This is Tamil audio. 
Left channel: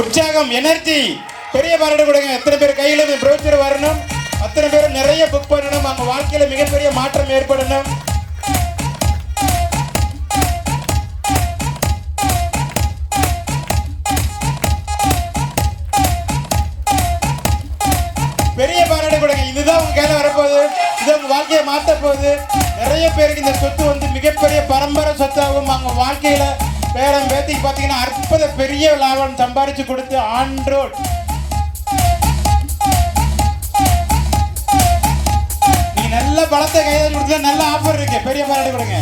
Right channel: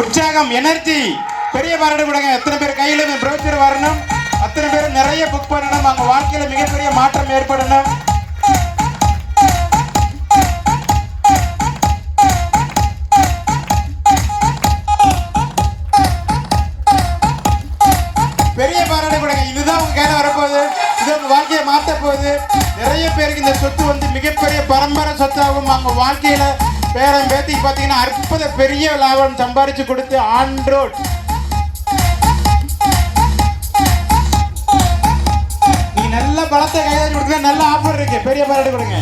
உற்சாகம், எனர்ஜி. பெரிய பாராட்டு கொடுங்க. எத்தனை பேர் கையில ப்ரௌச்சர் வரணும், அத்தனை பேர் நிறைய புக் பண்ணணும். அவங்க வாழ்க்கையில மிகப்பெரிய மாற்றம் ஏற்படணும். பெரிய பாராட்டு கொடுங்க. இதுதான் உங்க கையில வரப்போகுது. இது உங்க வாழ்க்கையை மாற்ற போகுது. நிறைய பேருக்கு இந்த சொத்து வந்து மிகப்பெரிய பரம்பரை சொத்தாகும். அவங்க வாழ்க்கையில பேரம் பேத்திக்கு பார்த்தீங்கன்னா அற்புத பெரிய லாபம் சம்பாதிச்சு கொடுத்து ஆன் ரோட். நீ நல்ல பலத்தை கையாளி கொடுத்தா நல்ல ஆஃபர் இருக்கு. பெரிய பாராட்டு கொடுங்க.